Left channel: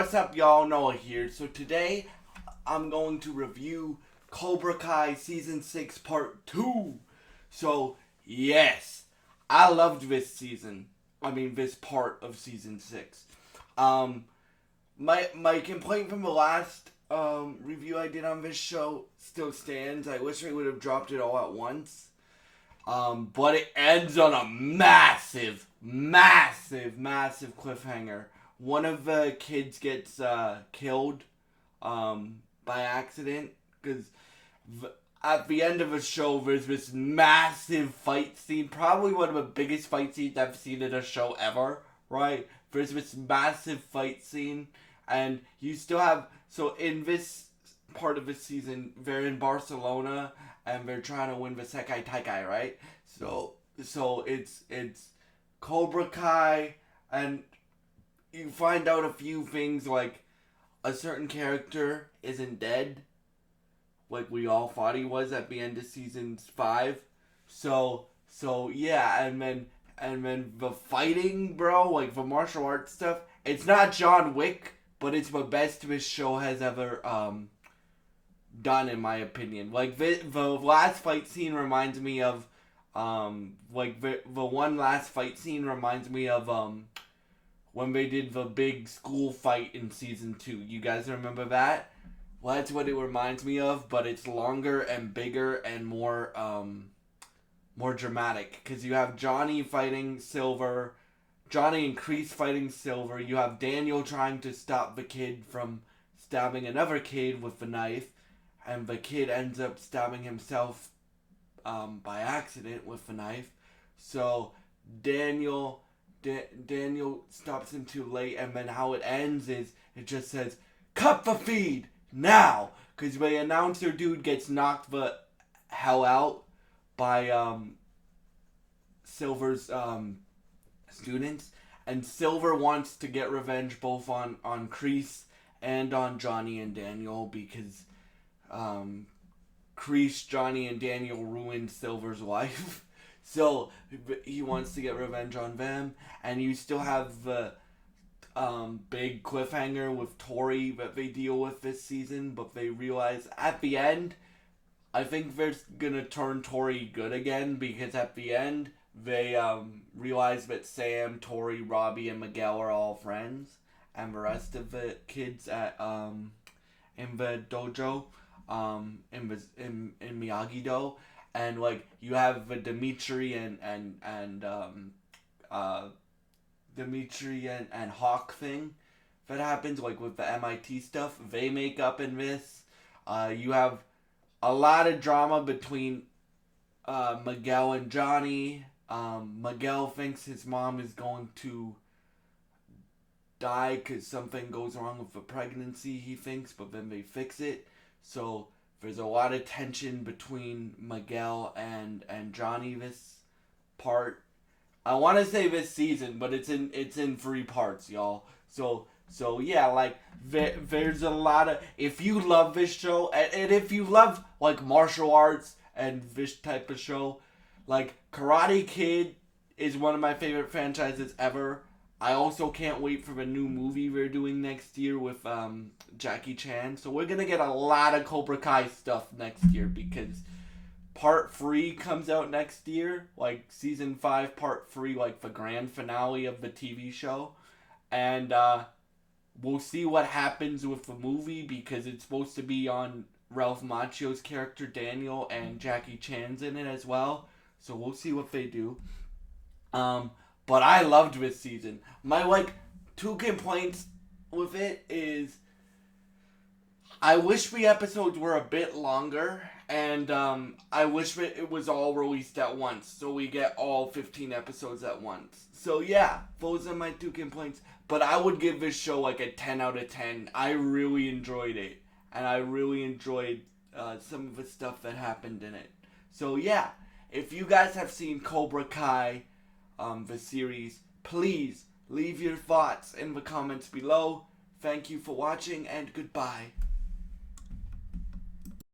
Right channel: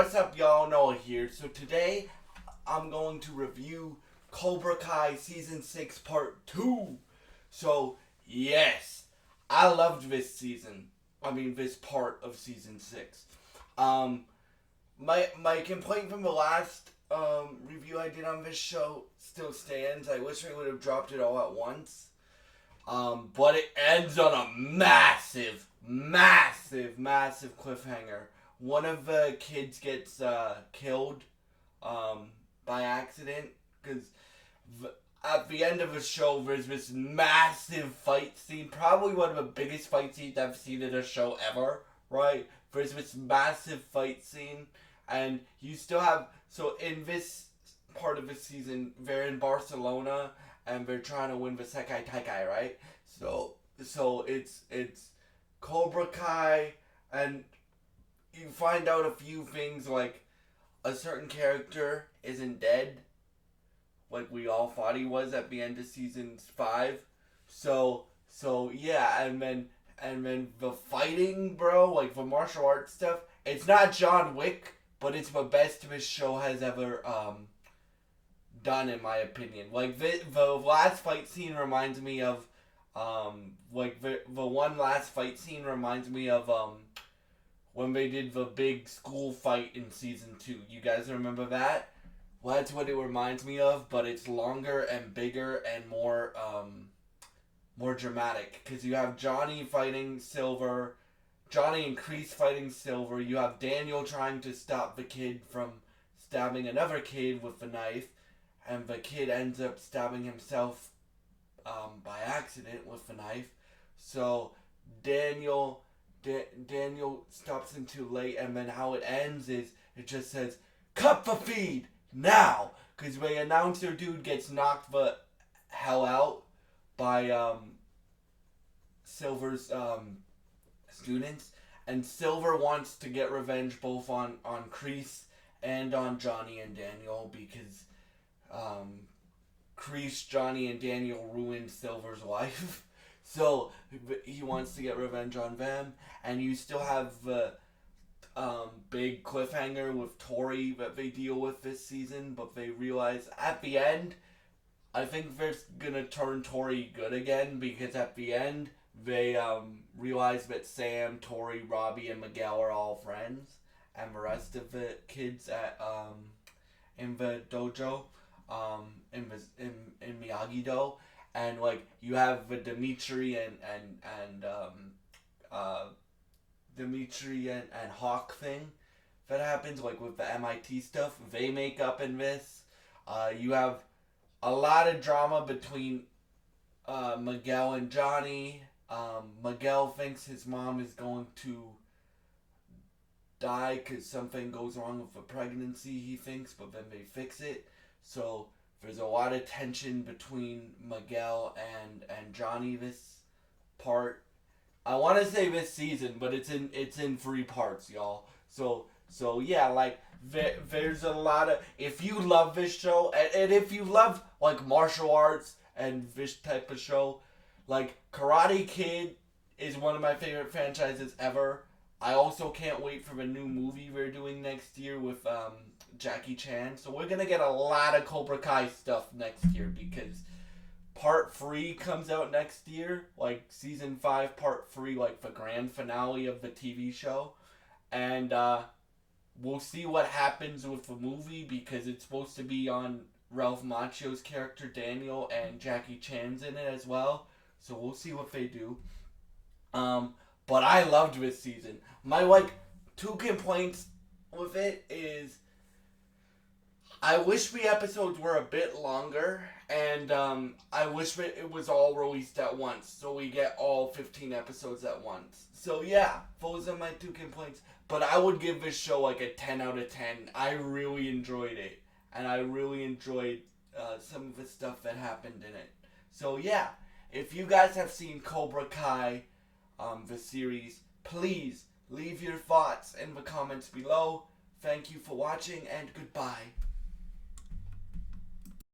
what's up, y'all? Noah here. So today, I'm going to review Cobra Kai Season 6 Part 2. So, yes, I loved this season. This part of Season 6. My complaint from the last review I did on this show still stands. I wish I would have dropped it all at once. But it ends on a massive cliffhanger. One of the kids gets killed by accident because at the end of the show there's this massive fight scene, probably one of the biggest fight scenes I've seen in a show ever, right? There's this massive fight scene, and you still have, so in this part of the season, they're in Barcelona, and they're trying to win the Sekai Taikai, right? So it's Cobra Kai, and you find out a few things, like a certain character isn't dead, like we all thought he was at the end of season 5. So yeah, and then the fighting, bro, like the martial arts stuff. It's not John Wick, but it's the best this show has ever done, in my opinion. Like the last fight scene reminds me of the one last fight scene reminds me of when they did the big school fight in season 2. You guys remember that? Well, that's what it reminds me of, but it's longer and bigger and more dramatic, because you have Johnny fighting Silver, Johnny and Kreese fighting Silver. You have Daniel trying to stop the kid from stabbing another kid with the knife, and the kid ends up stabbing himself by accident with the knife. So Daniel stops him too late, and then how it ends is it just says, "Cut the feed now," because the announcer dude gets knocked the hell out by Silver's students, and Silver wants to get revenge both on Kreese and on Johnny and Daniel, because Kreese, Johnny, and Daniel ruined Silver's life. So he wants to get revenge on them, and you still have the big cliffhanger with Tori that they deal with this season, but they realize at the end, I think they're gonna turn Tori good again, because at the end they realize that Sam, Tori, Robbie, and Miguel are all friends, and the rest of the kids at in the dojo, in Miyagi-Do, and like you have the Dimitri and Hawk thing that happens, like with the MIT stuff. They make up in this. You have a lot of drama between Miguel and Johnny. Miguel thinks his mom is going to die because something goes wrong with the pregnancy, he thinks, but then they fix it. So there's a lot of tension between Miguel and Johnny this part. I want to say this season, but it's in 3 parts, y'all. So yeah, like there's a lot of, if you love this show, and if you love like martial arts and this type of show, like Karate Kid is one of my favorite franchises ever. I also can't wait for the new movie we're doing next year with Jackie Chan. So we're gonna get a lot of Cobra Kai stuff next year, because Part 3 comes out next year, like Season 5, Part 3, like the grand finale of the TV show. And we'll see what happens with the movie, because it's supposed to be on Ralph Macchio's character, Daniel, and Jackie Chan's in it as well. So we'll see what they do. But I loved this season. My, 2 complaints with it is, I wish the episodes were a bit longer, and I wish that it was all released at once, so we get all 15 episodes at once. So yeah, those are my 2 complaints. But I would give this show like a 10 out of 10. I really enjoyed it, and I really enjoyed some of the stuff that happened in it. So yeah, if you guys have seen Cobra Kai, the series, please leave your thoughts in the comments below. Thank you for watching, and goodbye.